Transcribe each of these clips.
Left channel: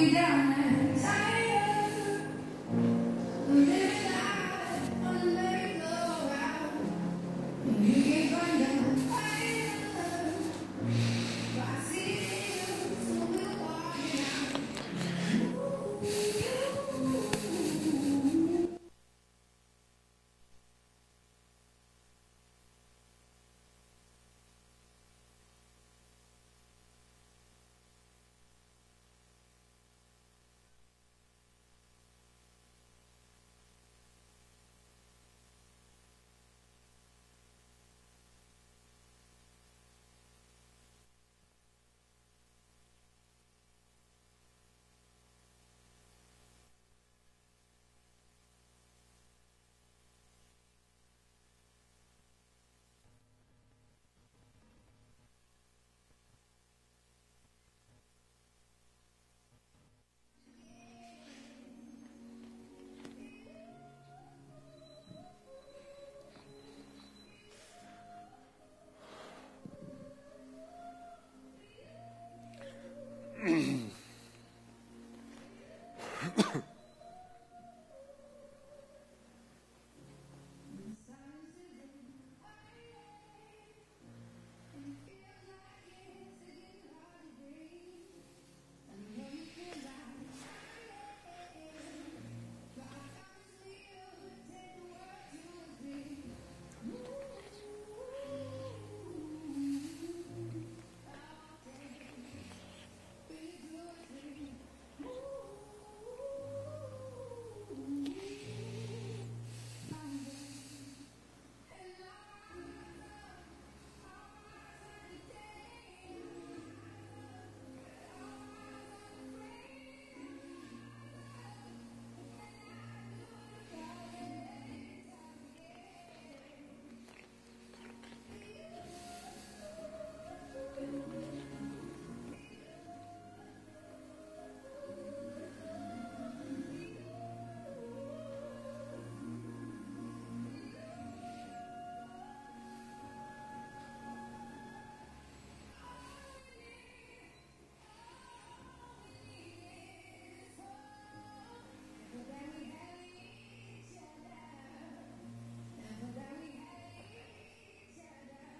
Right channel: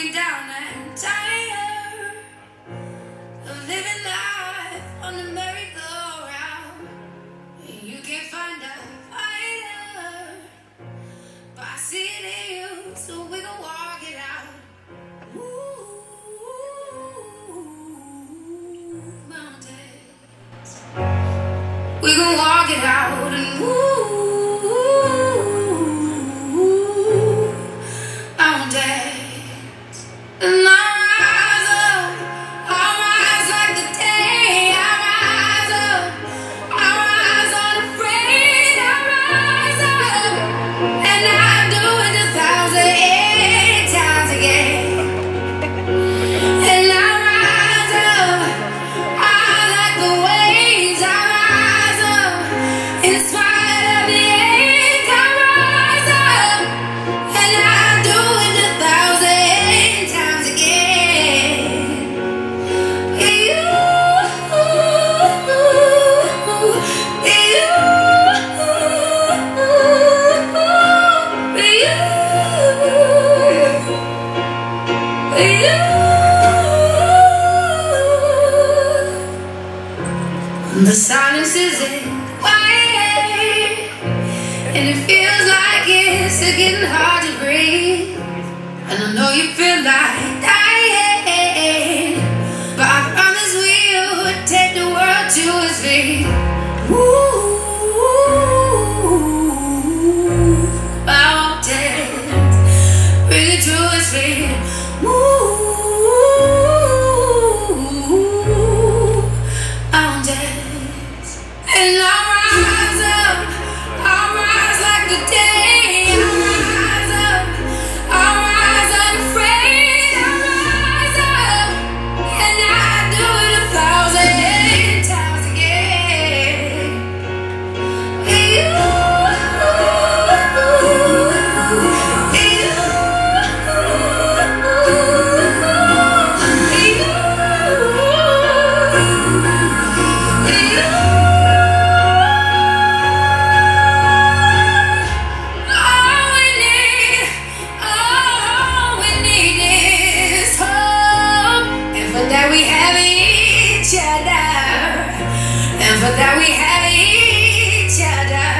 you down and tired of living life on the merry-go-round. And you can find a fire, but I see it in you, so we can walk it out. Ooh, mountains. We can walk it out and mountains. And I rise like the day. I rise up, I rise unafraid. I rise up, and I do it 1,000 times again. And I rise up, I like the waves. I rise up, in spite of the ache. I rise up, and I do it 1,000 times again. The silence isn't quiet, and it feels like it's getting hard to breathe. And I know you feel like dying, but I promise we'll take the world to its feet. Mountains, bring it to its feet. Mountains, and I rise up, I rise like the day. I rise up, I rise unafraid. I rise up, and I do it 1,000 times again. All we need is hope, and for that we have each other, and for that we have each other.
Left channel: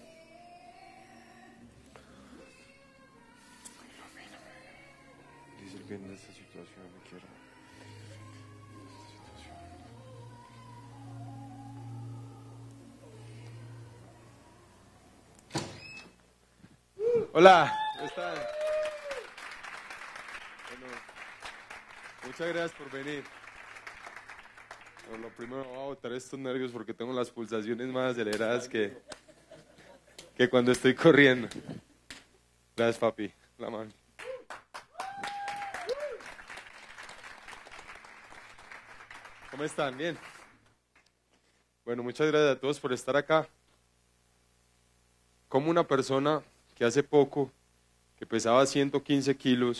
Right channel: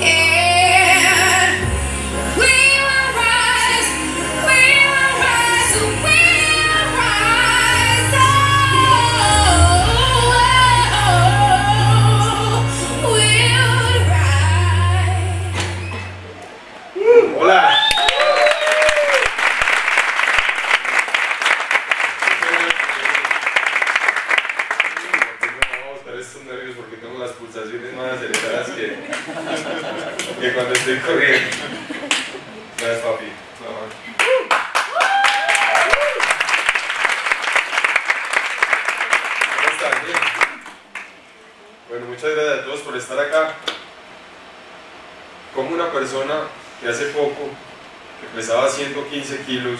Yeah, we will rise, we will rise, we will rise. Oh, we'll rise. Hola. Vamos a botar estos nervios porque tengo las pulsaciones más aceleradas que cuando estoy corriendo. Gracias, papi. Mamá. ¿Cómo están? Bien. Bueno, muchas gracias a todos por estar acá. Como una persona que hace poco, que pesaba 115 kilos,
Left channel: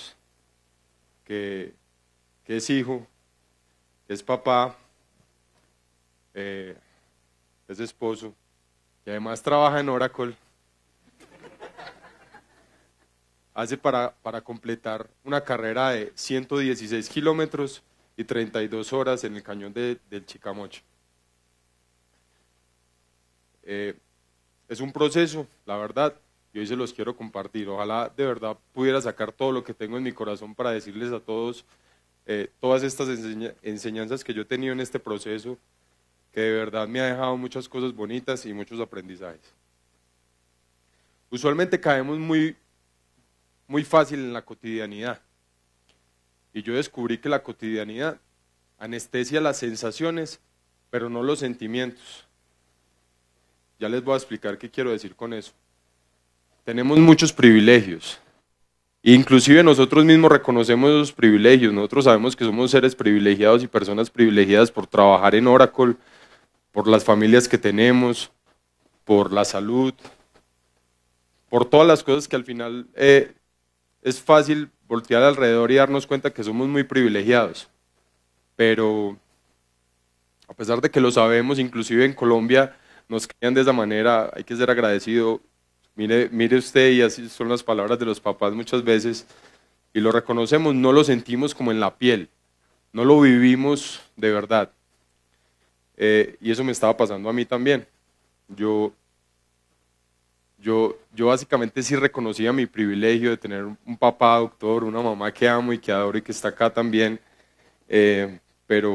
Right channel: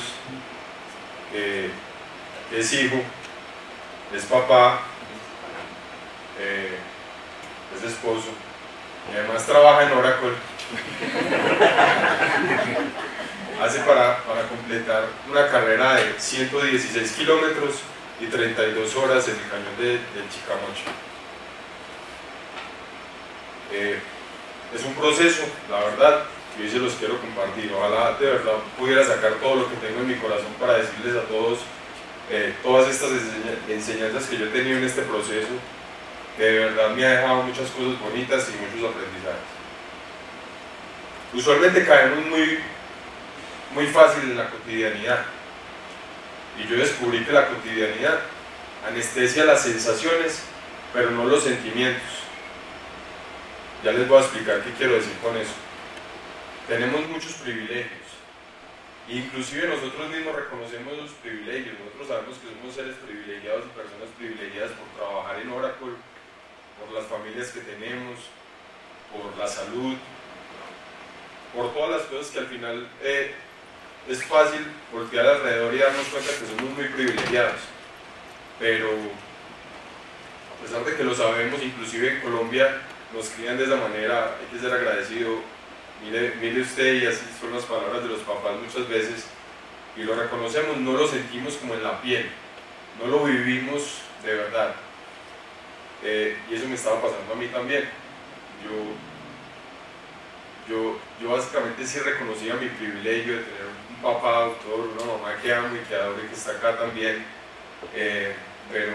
que es hijo, es papá, es esposo, y además trabaja en Oracle, hace para completar una carrera de 116 kilómetros y 32 horas en el cañón de Chicamocha. Es un proceso, la verdad, que hoy se los quiero compartir. Ojalá de verdad pudiera sacar todo lo que tengo en mi corazón para decirles a todos todas estas enseñanzas que yo he tenido en este proceso, que de verdad me ha dejado muchas cosas bonitas y muchos aprendizajes. Usualmente caemos muy fácil en la cotidianidad, y yo descubrí que la cotidianidad anestesia las sensaciones, pero no los sentimientos. Ya les voy a explicar qué quiero decir con eso. Tenemos muchos privilegios, inclusive nosotros mismos reconocemos esos privilegios. Nosotros sabemos que somos seres privilegiados y personas privilegiadas por trabajar en Oracle, por las familias que tenemos, por la salud, por todas las cosas que al final es fácil voltear alrededor y darnos cuenta que somos muy privilegiados. Pero a pesar de que lo sabemos, inclusive en Colombia nos crían de esa manera, hay que ser agradecido. Mire usted, y así son las palabras de los papás muchas veces, y lo reconocemos, no lo sentimos como en la piel, no lo vivimos de verdad. Y eso me estaba pasando a mí también. Yo básicamente sí reconocía mi privilegio de tener un papá doctor, una mamá que amo y que adoro y que está acá también, pero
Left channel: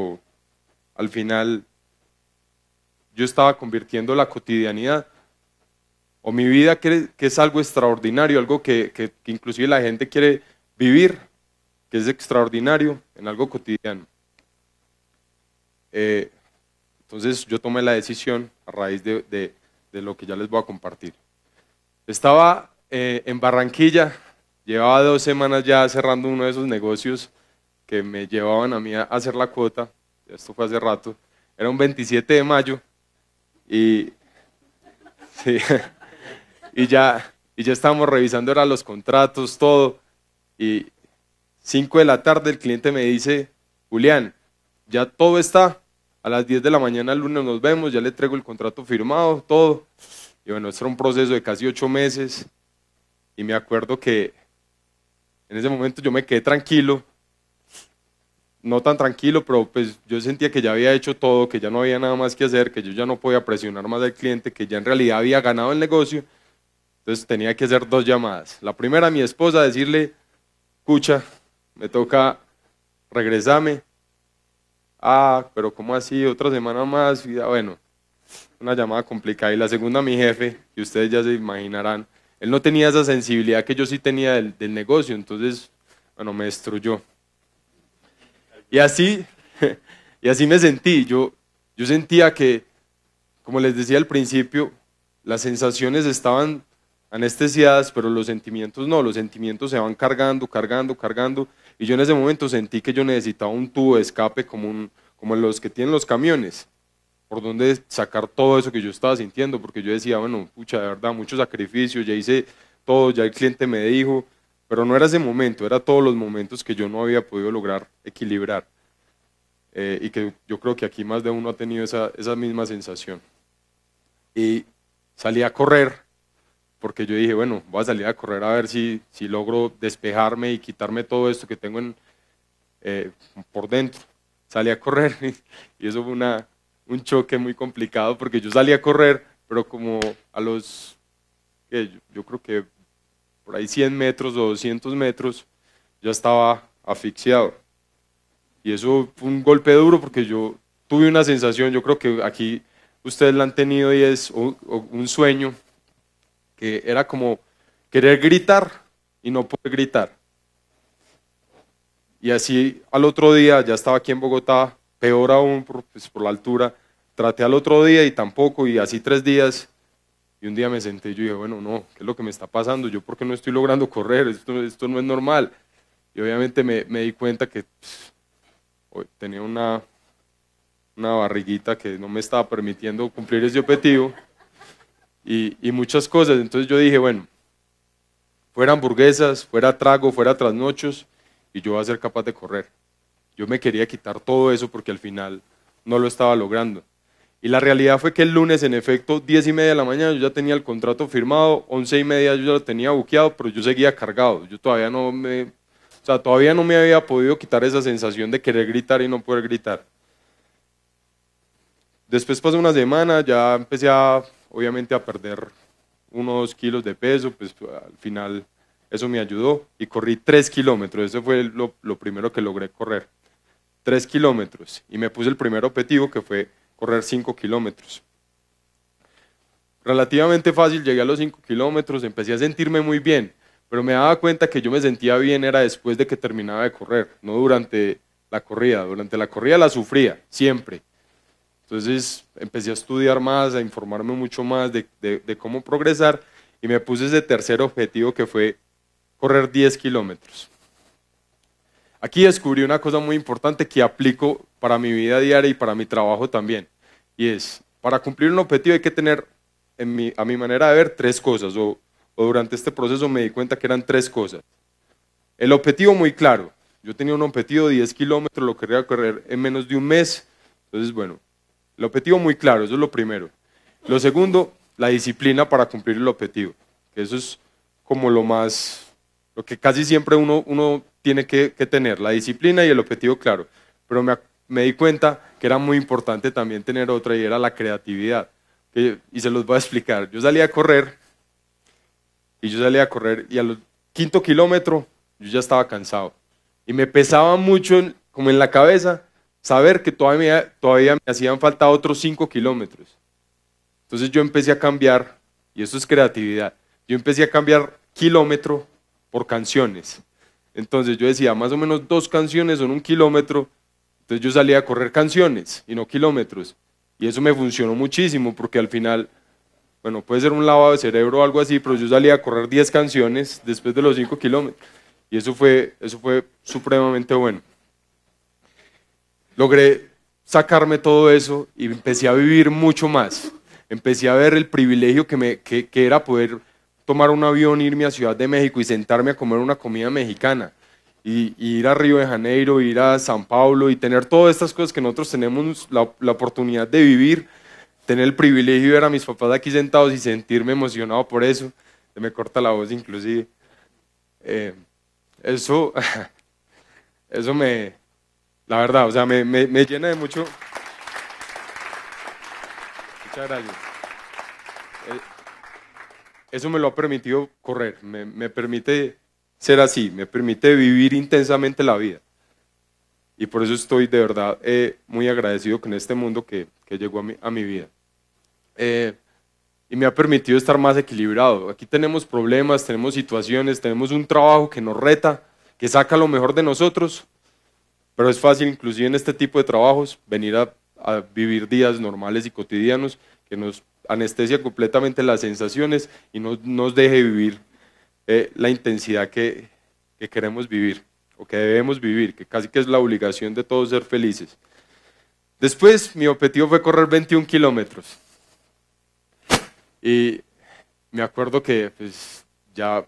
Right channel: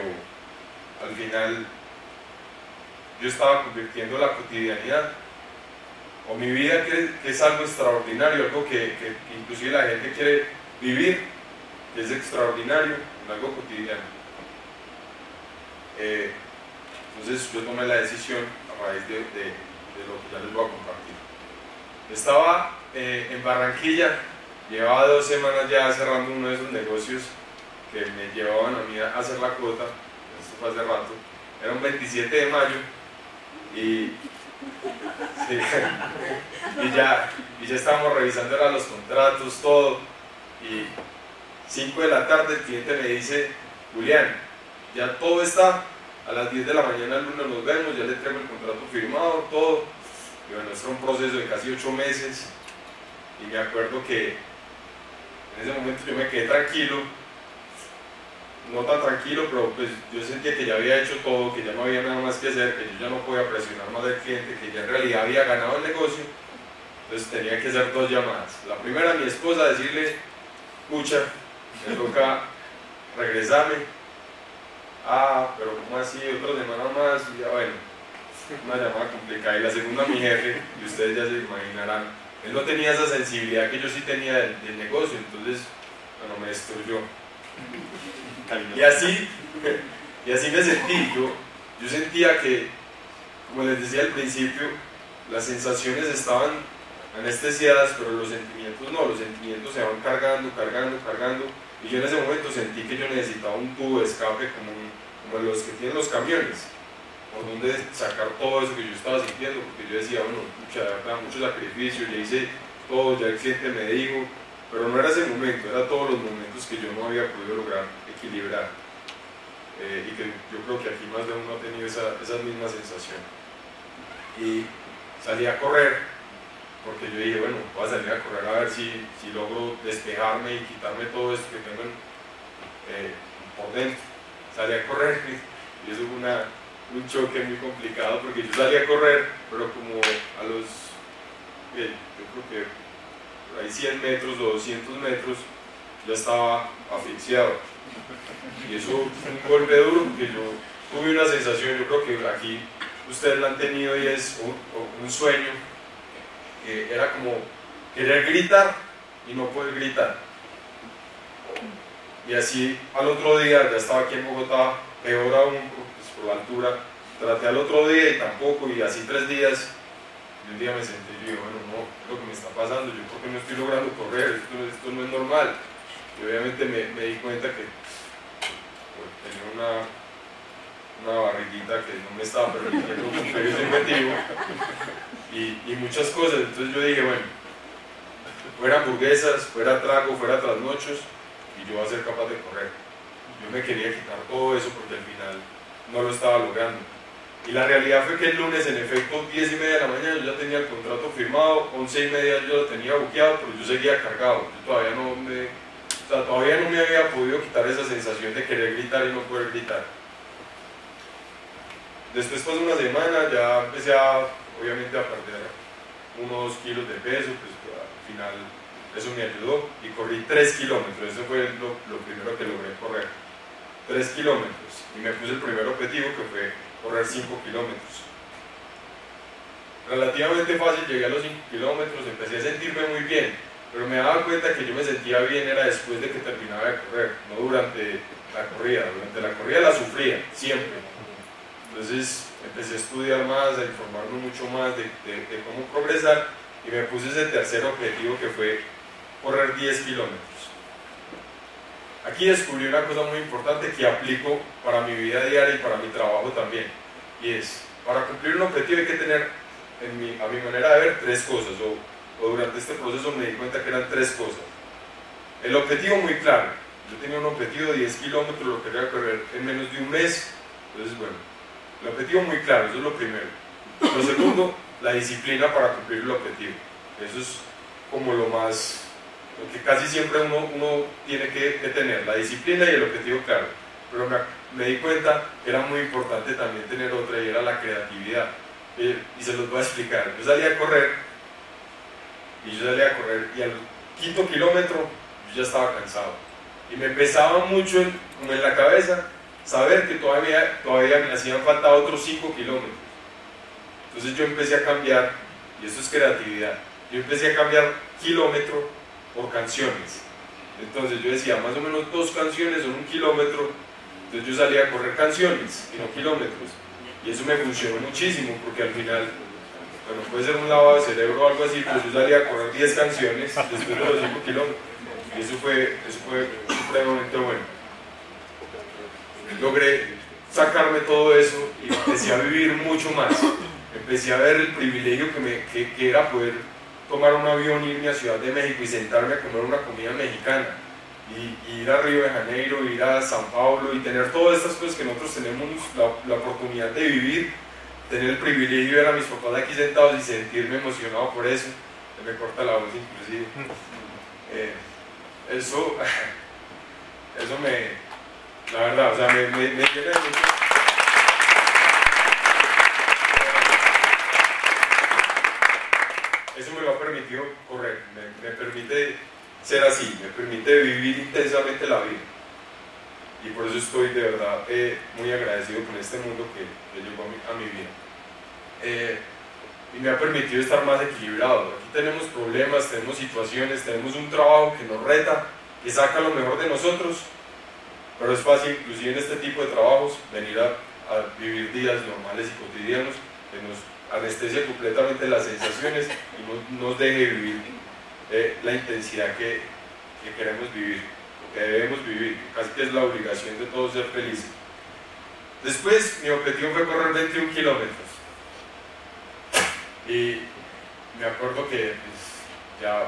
al final yo estaba convirtiendo la cotidianidad o mi vida, que es algo extraordinario, algo que inclusive la gente quiere vivir, que es extraordinario, en algo cotidiano. Entonces yo tomé la decisión a raíz de lo que ya les voy a compartir. Estaba en Barranquilla, llevaba 2 semanas ya cerrando uno de esos negocios que me llevaban a mí a hacer la cuota. Esto fue hace rato, era un 27 de mayo y, sí, y ya estábamos revisando ahora los contratos, todo, y 5 de la tarde el cliente me dice: Julián, ya todo está, a las 10 de la mañana el lunes nos vemos, ya le traigo el contrato firmado, todo. Y bueno, esto era un proceso de casi 8 meses y me acuerdo que en ese momento yo me quedé tranquilo, no tan tranquilo, pero pues yo sentía que ya había hecho todo, que ya no había nada más que hacer, que yo ya no podía presionar más al cliente, que ya en realidad había ganado el negocio. Entonces tenía que hacer 2 llamadas. La primera a mi esposa, decirle: escucha, me toca regresarme. Ah, pero ¿cómo así? Otra semana más. Y ya, bueno, una llamada complicada. Y la segunda a mi jefe, y ustedes ya se imaginarán, él no tenía esa sensibilidad que yo sí tenía del negocio, entonces, bueno, me destruyó. Y así me sentí. Yo sentía que, como les decía al principio, las sensaciones estaban anestesiadas, pero los sentimientos no, los sentimientos se van cargando, y yo en ese momento sentí que yo necesitaba un tubo de escape como los que tienen los camiones, por donde sacar todo eso que yo estaba sintiendo, porque yo decía, bueno, pucha, de verdad, mucho sacrificio, ya hice todo, ya el cliente me dijo, pero no era ese momento, era todos los momentos que yo no había podido lograr equilibrar, y que yo creo que aquí más de uno ha tenido esa misma sensación. Y salí a correr, porque yo dije, bueno, voy a salir a correr a ver si logro despejarme y quitarme todo esto que tengo por dentro. Salí a correr y eso fue un choque muy complicado, porque yo salí a correr, pero como a los, yo creo que por ahí 100 metros o 200 metros, ya estaba asfixiado. Y eso fue un golpe duro, porque yo tuve una sensación, yo creo que aquí ustedes la han tenido, y es un sueño, que era como querer gritar y no poder gritar. Y así al otro día, ya estaba aquí en Bogotá, peor aún por la altura, traté al otro día y tampoco, y así 3 días, y un día me senté y yo dije, bueno, no, ¿qué es lo que me está pasando? ¿Yo por qué no estoy logrando correr? Esto no es normal. Y obviamente me di cuenta que tenía una barriguita que no me estaba permitiendo cumplir ese objetivo, y muchas cosas. Entonces yo dije, bueno, fuera hamburguesas, fuera trago, fuera trasnochos, y yo voy a ser capaz de correr. Yo me quería quitar todo eso, porque al final no lo estaba logrando. Y la realidad fue que el lunes, en efecto, 10:30 de la mañana, yo ya tenía el contrato firmado, 11:30 yo ya lo tenía buqueado, pero yo seguía cargado. Yo todavía no me había podido quitar esa sensación de querer gritar y no poder gritar. Después pasó una semana, ya empecé obviamente a perder unos kilos de peso, pues al final eso me ayudó, y corrí 3 kilómetros, eso fue lo primero que logré correr, 3 kilómetros, y me puse el primer objetivo, que fue correr 5 kilómetros. Relativamente fácil, llegué a los 5 kilómetros, empecé a sentirme muy bien, pero me daba cuenta que yo me sentía bien era después de que terminaba de correr, no durante la corrida. Durante la corrida la sufría, siempre. Entonces empecé a estudiar más, a informarme mucho más de cómo progresar, y me puse ese tercer objetivo, que fue correr 10 kilómetros. Aquí descubrí una cosa muy importante que aplico para mi vida diaria y para mi trabajo también, y es, para cumplir un objetivo hay que tener, a mi manera de ver, 3 cosas, o durante este proceso me di cuenta que eran 3 cosas. El objetivo muy claro, yo tenía un objetivo de 10 kilómetros, lo quería correr en menos de un mes, entonces bueno, el objetivo muy claro, eso es lo primero. Lo segundo, la disciplina para cumplir el objetivo, eso es como lo más porque casi siempre uno tiene que tener la disciplina y el objetivo claro, pero me di cuenta que era muy importante también tener otra y era la creatividad. Y se los voy a explicar. Yo salía a correr y al quinto kilómetro yo ya estaba cansado y me pesaba mucho como en la cabeza saber que todavía me hacían falta otros 5 kilómetros. Entonces yo empecé a cambiar, y eso es creatividad, yo empecé a cambiar kilómetro por canciones. Entonces yo decía, más o menos 2 canciones son 1 kilómetro, entonces yo salía a correr canciones y no kilómetros. Y eso me funcionó muchísimo porque al final, bueno, puede ser un lavado de cerebro o algo así, pero yo salía a correr 10 canciones después de los 5 kilómetros. Y eso fue supremamente bueno. Logré sacarme todo eso y empecé a vivir mucho más. Empecé a ver el privilegio que era poder tomar un avión, irme a Ciudad de México y sentarme a comer una comida mexicana. Y ir a Río de Janeiro, ir a San Paulo y tener todas estas cosas que nosotros tenemos la oportunidad de vivir, tener el privilegio de ver a mis papás aquí sentados y sentirme emocionado por eso. Se me corta la voz inclusive. Eso la verdad, o sea, me llena de mucho. Eso me lo ha permitido correr, me permite ser así, me permite vivir intensamente la vida. Y por eso estoy de verdad muy agradecido con este mundo que llegó a mi vida. Y me ha permitido estar más equilibrado. Aquí tenemos problemas, tenemos situaciones, tenemos un trabajo que nos reta, que saca lo mejor de nosotros, pero es fácil, inclusive en este tipo de trabajos, venir a vivir días normales y cotidianos que nos anestesia completamente las sensaciones y no nos deje vivir la intensidad que queremos vivir, o que debemos vivir, que casi que es la obligación de todos ser felices. Después mi objetivo fue correr 21 kilómetros y me acuerdo que pues, ya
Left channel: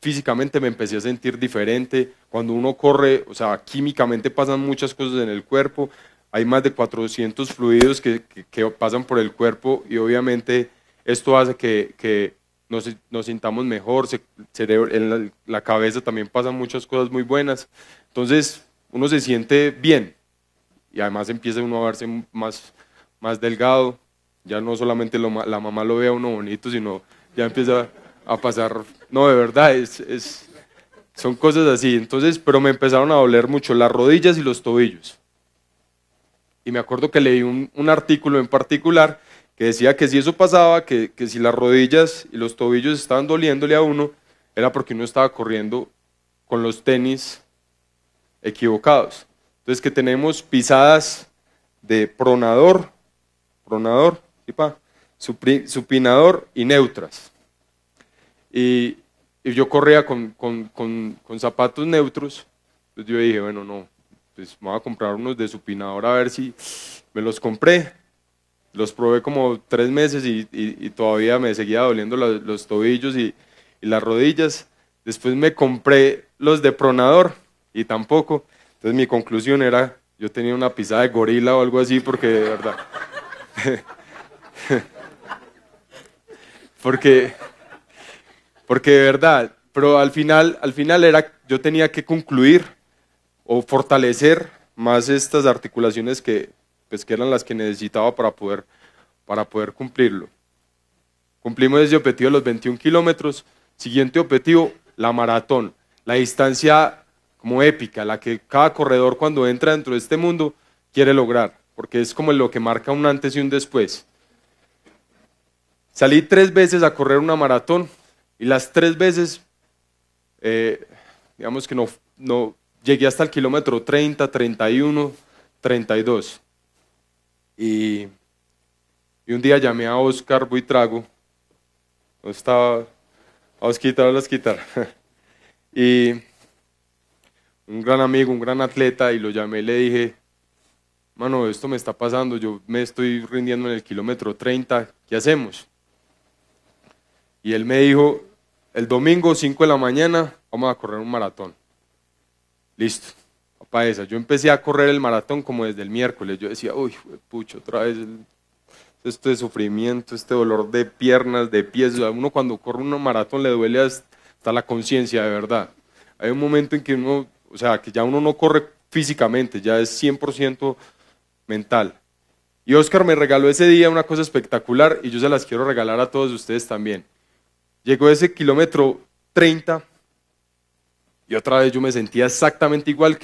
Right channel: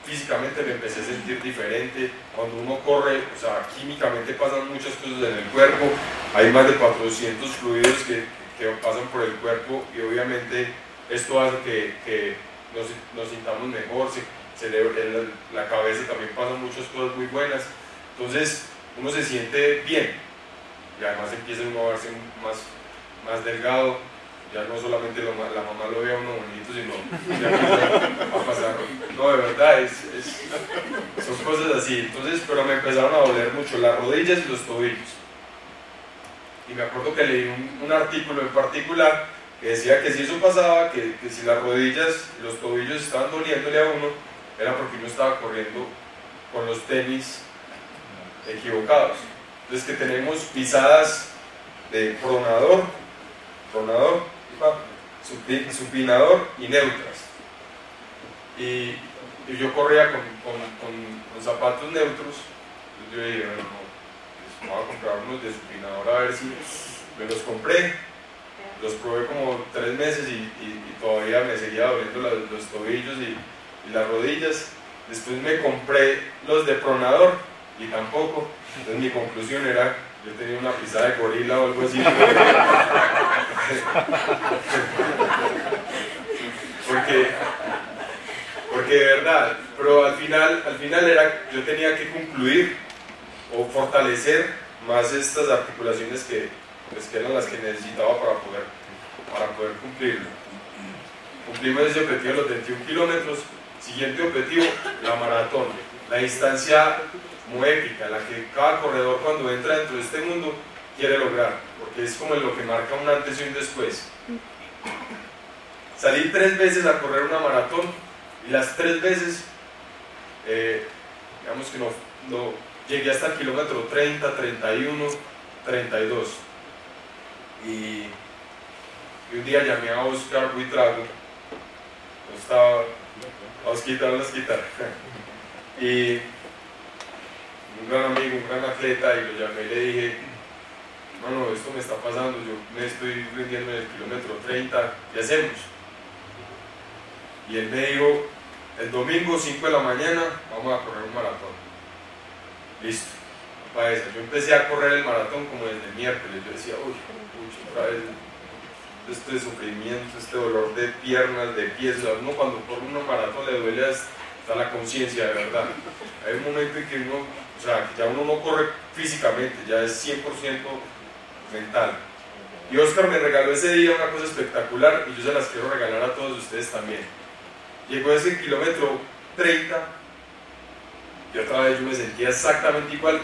físicamente me empecé a sentir diferente. Cuando uno corre, o sea, químicamente pasan muchas cosas en el cuerpo, hay más de 400 fluidos que pasan por el cuerpo y obviamente esto hace que nos sintamos mejor, en la cabeza también pasan muchas cosas muy buenas, entonces uno se siente bien y además empieza uno a verse más delgado, ya no solamente la mamá lo ve a uno bonito, sino ya empieza a pasar, no, de verdad, son cosas así. Entonces, pero me empezaron a doler mucho las rodillas y los tobillos. Y me acuerdo que leí un artículo en particular que decía que si eso pasaba, que si las rodillas y los tobillos estaban doliéndole a uno, era porque uno estaba corriendo con los tenis equivocados. Entonces que tenemos pisadas de pronador, supinador y neutras. Y yo corría con zapatos neutros, entonces yo dije, bueno, no, pues me voy a comprar unos de supinador a ver si me los compré. Los probé como 3 meses y todavía me seguía doliendo los tobillos y las rodillas. Después me compré los de pronador y tampoco. Entonces mi conclusión era, yo tenía una pisada de gorila o algo así porque de verdad, pero al final era, yo tenía que concluir o fortalecer más estas articulaciones que eran las que necesitaba para poder cumplirlo. Cumplimos ese objetivo de los 21 kilómetros. Siguiente objetivo, la maratón, la distancia muy épica, la que cada corredor cuando entra dentro de este mundo quiere lograr, porque es como lo que marca un antes y un después. Salí 3 veces a correr una maratón y las 3 veces, digamos que no llegué hasta el kilómetro 30, 31, 32. Y un día llamé a Oscar Buitrago, estaba a Osquita, y un gran amigo, un gran atleta, y lo llamé y le dije, mano, esto me está pasando, yo me estoy rindiendo en el kilómetro 30, ¿qué hacemos? Y él me dijo, el domingo 5 de la mañana vamos a correr un maratón. Listo, para esa. Yo empecé a correr el maratón como desde el miércoles. Yo decía, uy, pucho, otra vez este sufrimiento, este dolor de piernas, de pies. A uno cuando corre un maratón le duele está la conciencia de verdad. Hay un momento en que uno, o sea, que ya uno no corre físicamente, ya es 100% mental. Y Oscar me regaló ese día una cosa espectacular y yo se las quiero regalar a todos ustedes también. Llegó ese kilómetro 30 y otra vez yo me sentía exactamente igual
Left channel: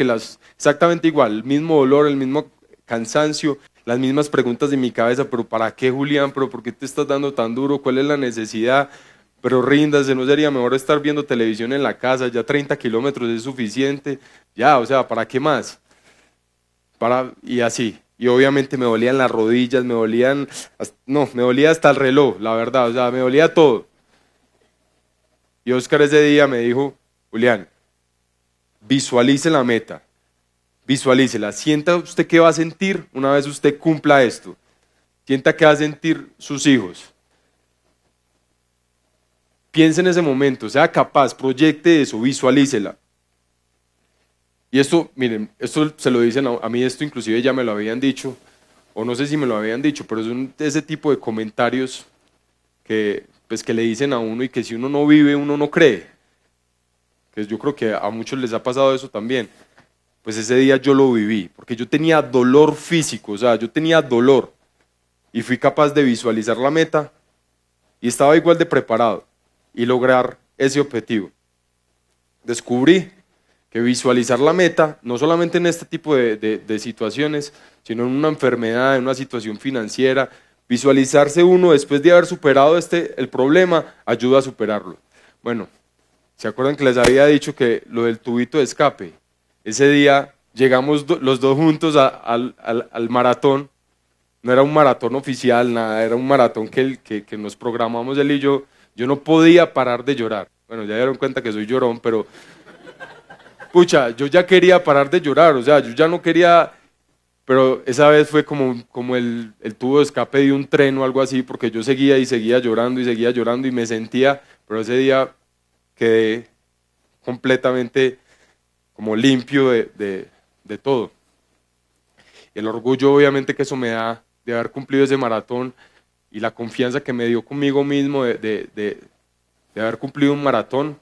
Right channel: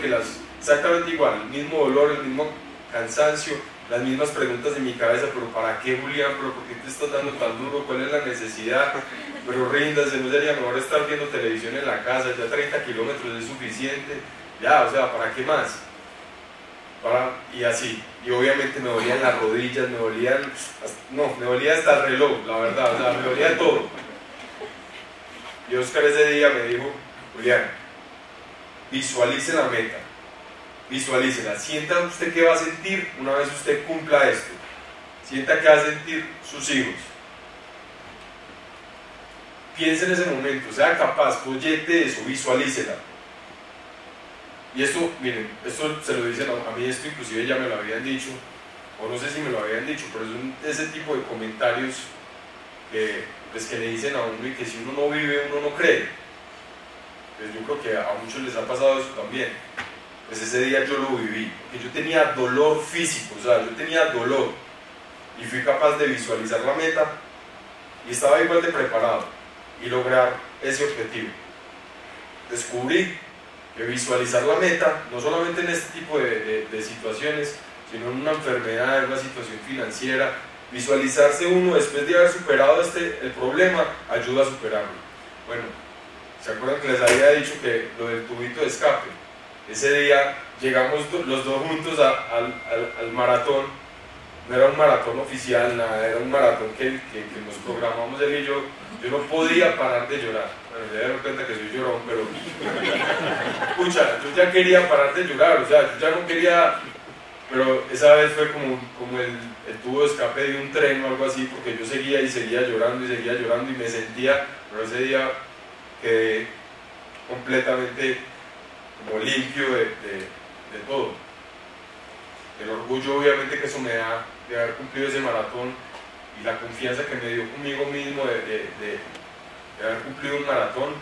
exactamente igual, el mismo dolor, el mismo cansancio, las mismas preguntas de mi cabeza, pero ¿para qué, Julián? ¿Pero por qué te estás dando tan duro? ¿Cuál es la necesidad? Pero ríndase, ¿no sería mejor estar viendo televisión en la casa? Ya 30 kilómetros es suficiente, ya, o sea, ¿para qué más? Y así, y obviamente me dolían las rodillas, me dolía hasta el reloj, la verdad, o sea, me dolía todo. Y Oscar ese día me dijo, Julián, visualice la meta, visualícela, sienta usted qué va a sentir una vez usted cumpla esto, sienta qué va a sentir sus hijos. Piense en ese momento, sea capaz, proyecte eso, visualícela. Y esto, miren, esto se lo dicen a mí, esto inclusive ya me lo habían dicho, o no sé si me lo habían dicho, pero es ese tipo de comentarios que le dicen a uno y que si uno no vive, uno no cree. Pues yo creo que a muchos les ha pasado eso también. Pues ese día yo lo viví, porque yo tenía dolor físico, o sea, yo tenía dolor y fui capaz de visualizar la meta y estaba igual de preparado y lograr ese objetivo. Descubrí que visualizar la meta, no solamente en este tipo de situaciones, sino en una enfermedad, en una situación financiera, visualizarse uno después de haber superado el problema, ayuda a superarlo. Bueno, ¿se acuerdan que les había dicho que lo del tubito de escape? Ese día llegamos los dos juntos al maratón, no era un maratón oficial, nada, era un maratón que nos programamos él y yo no podía parar de llorar. Bueno, ya dieron cuenta que soy llorón, pero escucha, yo ya quería parar de llorar, o sea, yo ya no quería, pero esa vez fue como el tubo de escape de un tren o algo así, porque yo seguía llorando y me sentía, pero ese día quedé completamente como limpio de todo. El orgullo obviamente que eso me da de haber cumplido ese maratón y la confianza que me dio conmigo mismo de haber cumplido un maratón,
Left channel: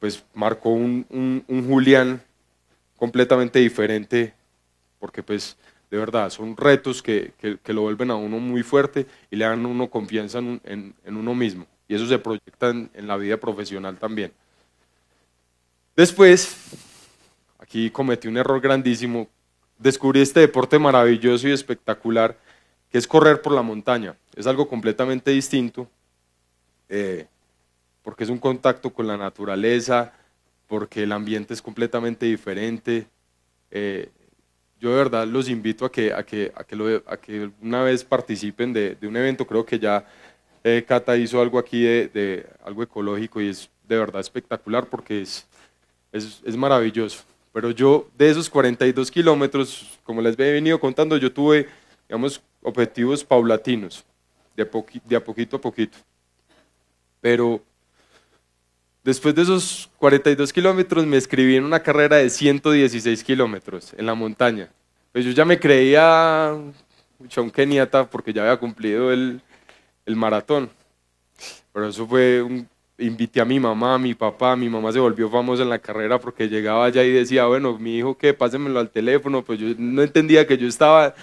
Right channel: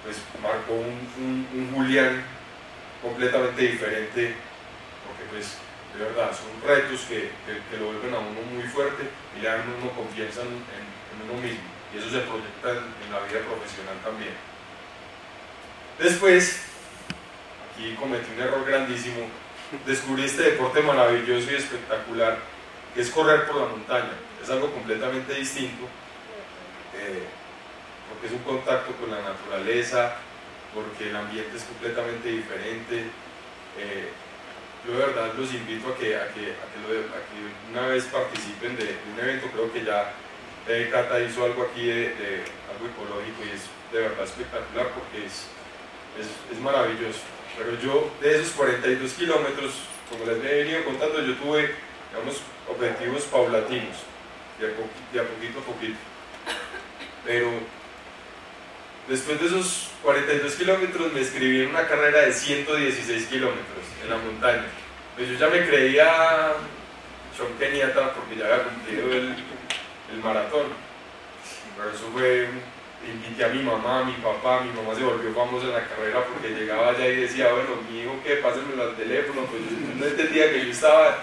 pues marcó un Julián completamente diferente, porque pues de verdad son retos que lo vuelven a uno muy fuerte y le dan a uno confianza en uno mismo, y eso se proyecta en la vida profesional también. Después, aquí cometí un error grandísimo, descubrí este deporte maravilloso y espectacular que es correr por la montaña. Es algo completamente distinto, porque es un contacto con la naturaleza, porque el ambiente es completamente diferente. Yo de verdad los invito a que una vez participen de un evento. Creo que ya Cata hizo algo aquí de algo ecológico y es de verdad espectacular porque es maravilloso. Pero yo de esos 42 kilómetros, como les he venido contando, yo tuve, digamos, objetivos paulatinos, de a poquito a poquito. Pero después de esos 42 kilómetros me inscribí en una carrera de 116 kilómetros en la montaña. Pues yo ya me creía Sean Keniata porque ya había cumplido el maratón. Pero eso fue invité a mi mamá, a mi papá. Mi mamá se volvió famosa en la carrera porque llegaba allá y decía, bueno, mi hijo, ¿qué? Pásenmelo al teléfono. Pues yo no entendía que yo estaba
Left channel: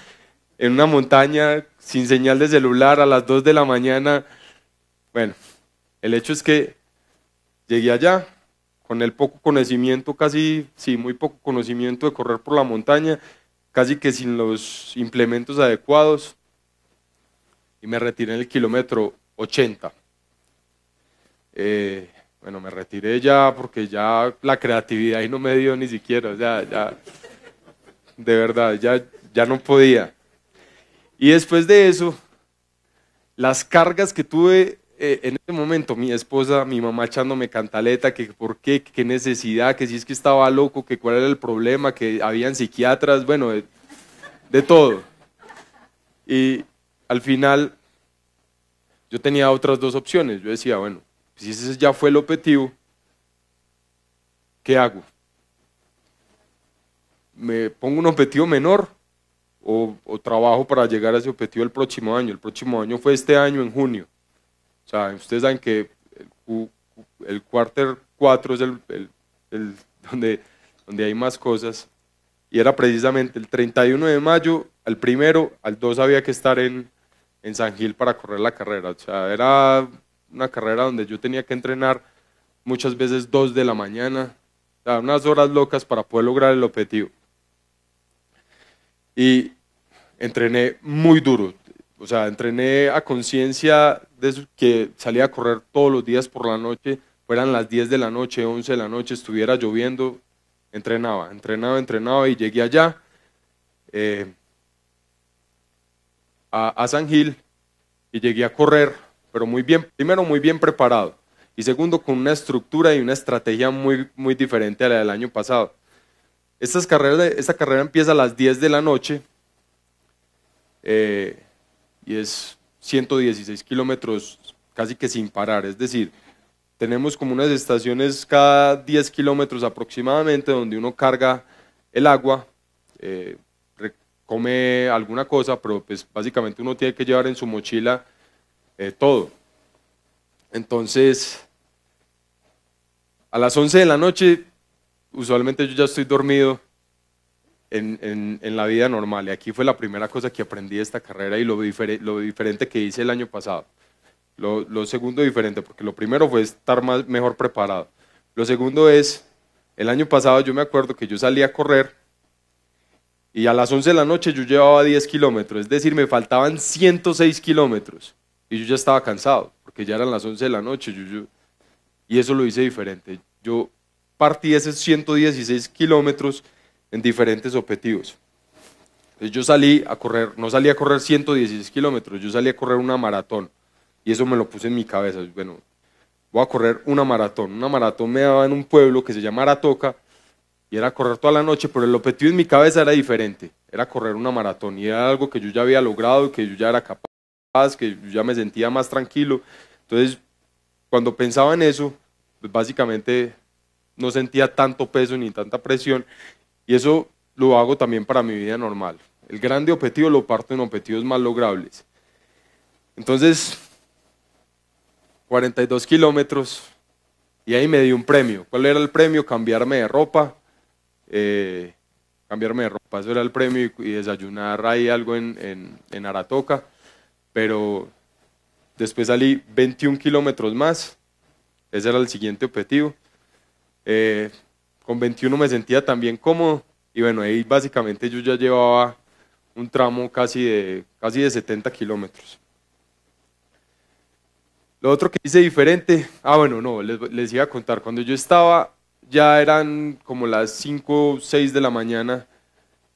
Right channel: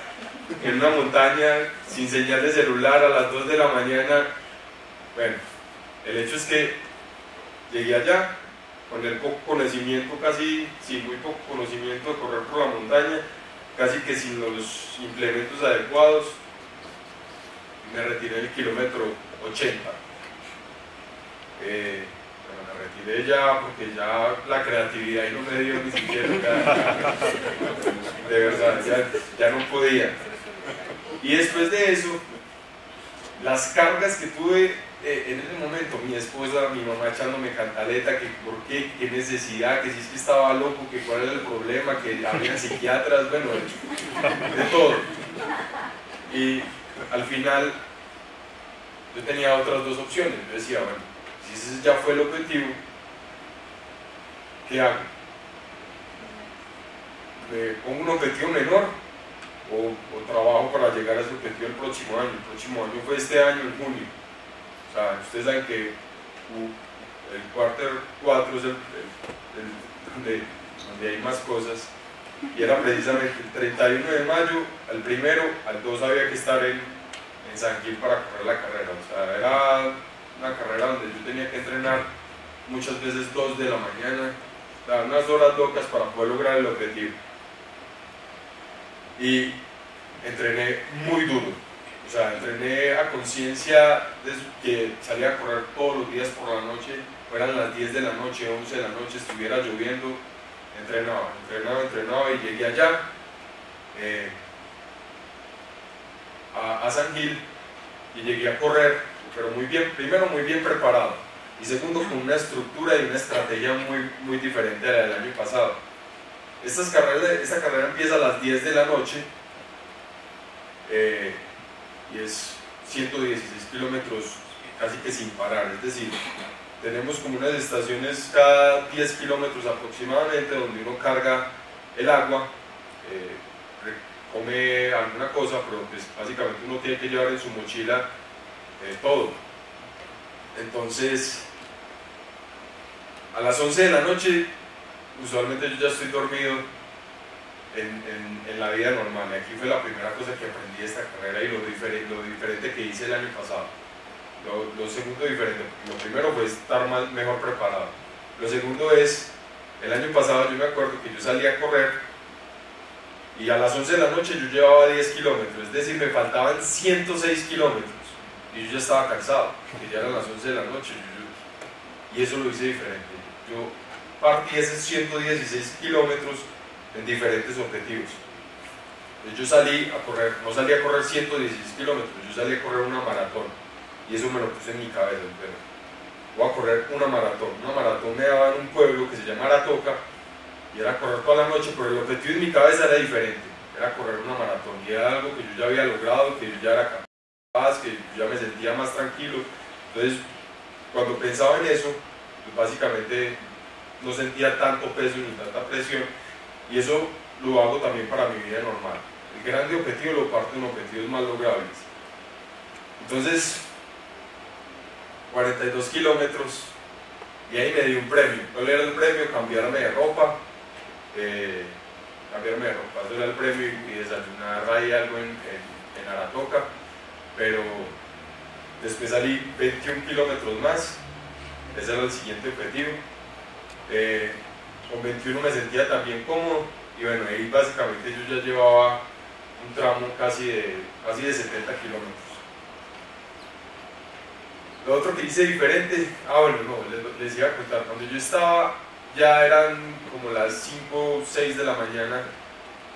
en una montaña sin señal de celular a las 2 de la mañana. Bueno, el hecho es que llegué allá con el poco conocimiento, muy poco conocimiento de correr por la montaña, casi que sin los implementos adecuados, y me retiré en el kilómetro 80. Bueno, me retiré ya porque ya la creatividad ahí no me dio ni siquiera, de verdad, ya no podía. Y después de eso, las cargas que tuve en ese momento, mi esposa, mi mamá echándome cantaleta, que por qué, qué necesidad, que si es que estaba loco, que cuál era el problema, que habían psiquiatras, bueno, de todo. Y al final yo tenía otras dos opciones. Yo decía, bueno, si ese ya fue el objetivo, ¿qué hago? ¿Me pongo un objetivo menor o trabajo para llegar a ese objetivo el próximo año? El próximo año fue este año, en junio. O sea, ustedes saben que el quarter 4 es donde hay más cosas, y era precisamente el 31 de mayo, al 1, al 2 había que estar en San Gil para correr la carrera. O sea, era una carrera donde yo tenía que entrenar muchas veces 2 de la mañana, o sea, unas horas locas para poder lograr el objetivo. Y entrené muy duro, o sea, entrené a conciencia de eso, que salía a correr todos los días por la noche, fueran las 10 de la noche, 11 de la noche, estuviera lloviendo, entrenaba y llegué allá a San Gil y llegué a correr, pero muy bien, primero muy bien preparado y segundo con una estructura y una estrategia muy diferente a la del año pasado. Esta carrera empieza a las 10 de la noche y es 116 kilómetros casi que sin parar, es decir, tenemos como unas estaciones cada 10 kilómetros aproximadamente donde uno carga el agua, come alguna cosa, pero pues básicamente uno tiene que llevar en su mochila todo. Entonces, a las 11 de la noche, usualmente yo ya estoy dormido en la vida normal, y aquí fue la primera cosa que aprendí de esta carrera y lo diferente que hice el año pasado. Lo segundo diferente, porque lo primero fue estar mejor preparado. Lo segundo es, el año pasado yo me acuerdo que yo salía a correr y a las 11 de la noche yo llevaba 10 kilómetros, es decir, me faltaban 106 kilómetros y yo ya estaba cansado, que ya eran las 11 de la noche, y eso lo hice diferente. Yo partí esos 116 kilómetros en diferentes objetivos. Entonces yo salí a correr, no salí a correr 116 kilómetros, yo salí a correr una maratón. Y eso me lo puse en mi cabeza, bueno, voy a correr una maratón me daba en un pueblo que se llama Aratoca, y era correr toda la noche, pero el objetivo en mi cabeza era diferente, era correr una maratón, y era algo que yo ya había logrado, que yo ya era capaz, que yo ya me sentía más tranquilo. Entonces, cuando pensaba en eso, pues básicamente no sentía tanto peso ni tanta presión, y eso lo hago también para mi vida normal. El grande objetivo lo parto en objetivos más logrables. Entonces, 42 kilómetros, y ahí me di un premio. ¿Cuál era el premio? Cambiarme de ropa, eso era el premio, y desayunar ahí algo en Aratoca. Pero después salí 21 kilómetros más, ese era el siguiente objetivo. Con 21 me sentía también cómodo, y bueno, ahí básicamente yo ya llevaba un tramo casi de 70 kilómetros. Lo otro que hice diferente, les iba a contar, cuando yo estaba, ya eran como las 5 o 6 de la mañana,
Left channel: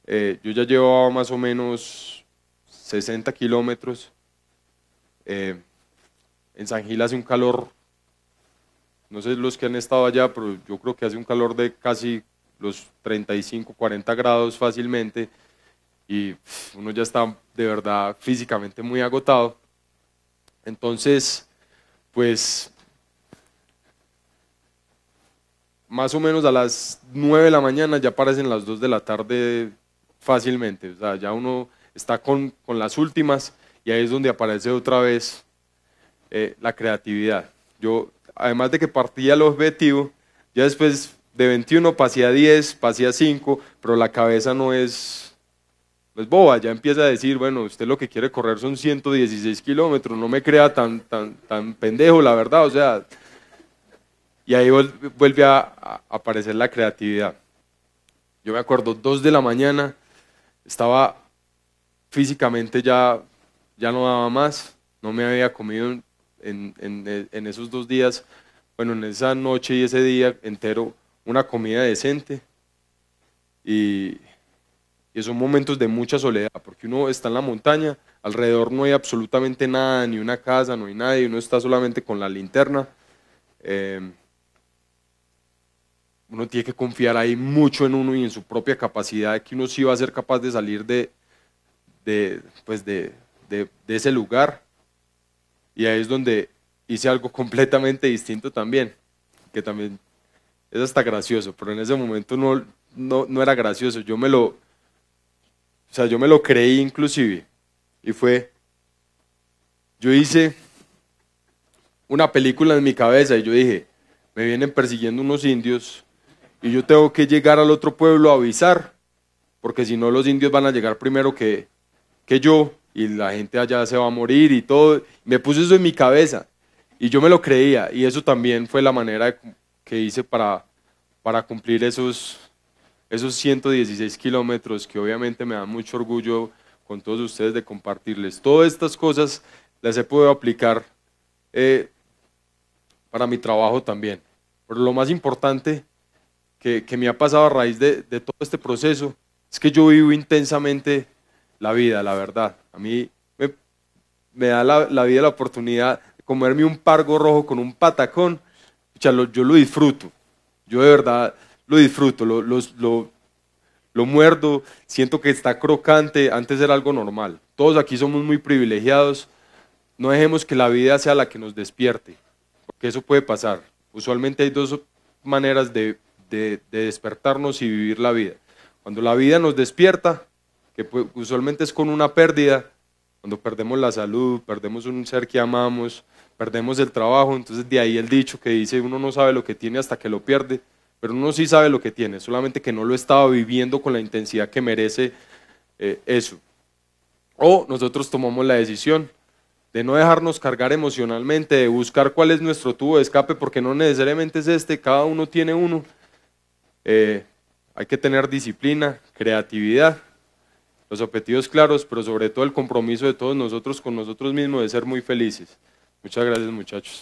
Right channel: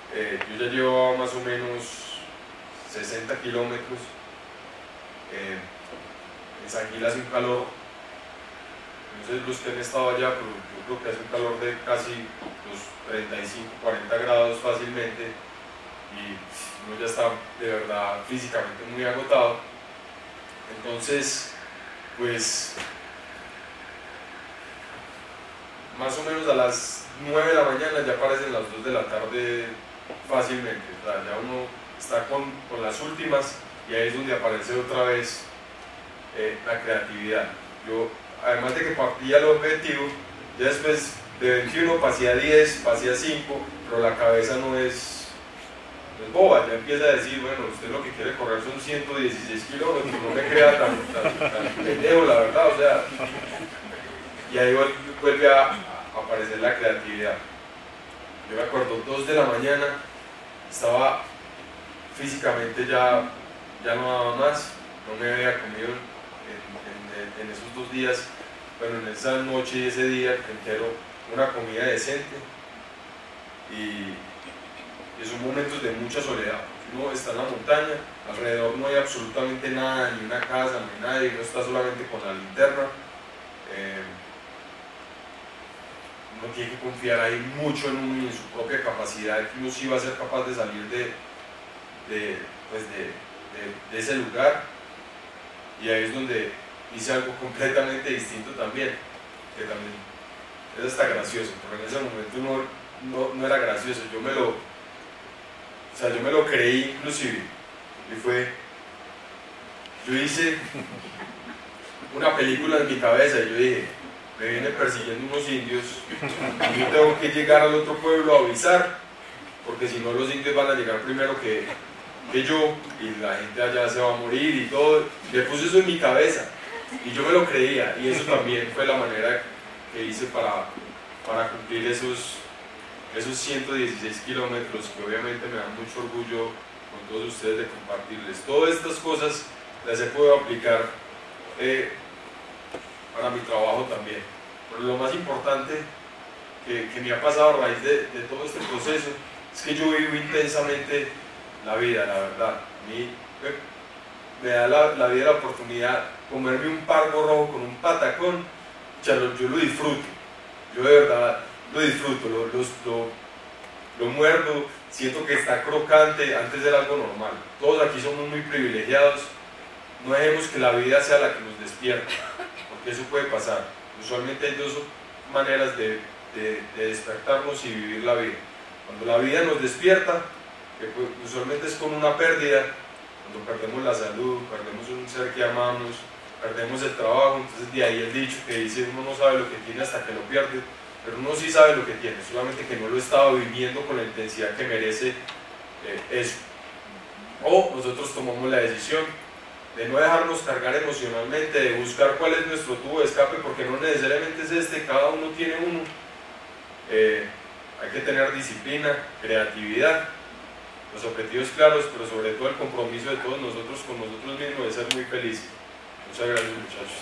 yo ya llevaba más o menos 60 kilómetros, en San Gil hace un calor, no sé los que han estado allá, pero yo creo que hace un calor de casi los 35, 40 grados fácilmente, y uno ya está de verdad físicamente muy agotado. Entonces, pues más o menos a las 9 de la mañana ya aparecen las 2 de la tarde fácilmente, o sea, ya uno está con las últimas, y ahí es donde aparece otra vez la creatividad. Yo, además de que partía el objetivo, ya después de 21 pasé a 10, pasé a 5, pero la cabeza no es boba, ya empieza a decir, bueno, usted lo que quiere correr son 116 kilómetros, no me crea tan pendejo, la verdad, o sea, y ahí vuelve a aparecer la creatividad. Yo me acuerdo, 2 de la mañana, estaba físicamente ya no daba más, no me había comido en esos 2 días, bueno, en esa noche y ese día entero, una comida decente, y son momentos de mucha soledad, porque uno está en la montaña, alrededor no hay absolutamente nada, ni una casa, no hay nadie, uno está solamente con la linterna. Uno tiene que confiar ahí mucho en uno y en su propia capacidad, que uno sí va a ser capaz de salir de ese lugar, y ahí es donde hice algo completamente distinto también, que también es hasta gracioso, pero en ese momento no era gracioso, yo me lo creí inclusive, y yo hice una película en mi cabeza, y yo dije, me vienen persiguiendo unos indios y yo tengo que llegar al otro pueblo a avisar, porque si no los indios van a llegar primero que yo y la gente allá se va a morir y todo. Me puse eso en mi cabeza y yo me lo creía, y eso también fue la manera que hice para cumplir esos 116 kilómetros, que obviamente me da mucho orgullo con todos ustedes de compartirles. Todas estas cosas las he podido aplicar para mi trabajo también. Pero lo más importante que me ha pasado a raíz de todo este proceso es que yo vivo intensamente la vida, la verdad. A mí me da la vida la oportunidad de comerme un pargo rojo con un patacón. Yo lo disfruto, yo de verdad lo disfruto, lo muerdo, siento que está crocante. Antes era algo normal. Todos aquí somos muy privilegiados. No dejemos que la vida sea la que nos despierte, porque eso puede pasar. Usualmente hay dos maneras de despertarnos y vivir la vida. Cuando la vida nos despierta, que usualmente es con una pérdida, cuando perdemos la salud, perdemos un ser que amamos, perdemos el trabajo. Entonces de ahí el dicho que dice: uno no sabe lo que tiene hasta que lo pierde, pero uno sí sabe lo que tiene, solamente que no lo estaba viviendo con la intensidad que merece eso. O nosotros tomamos la decisión de no dejarnos cargar emocionalmente, de buscar cuál es nuestro tubo de escape, porque no necesariamente es este, cada uno tiene uno. Hay que tener disciplina, creatividad, los objetivos claros, pero sobre todo el compromiso de todos nosotros con nosotros mismos de ser muy felices. Muchas gracias, muchachos.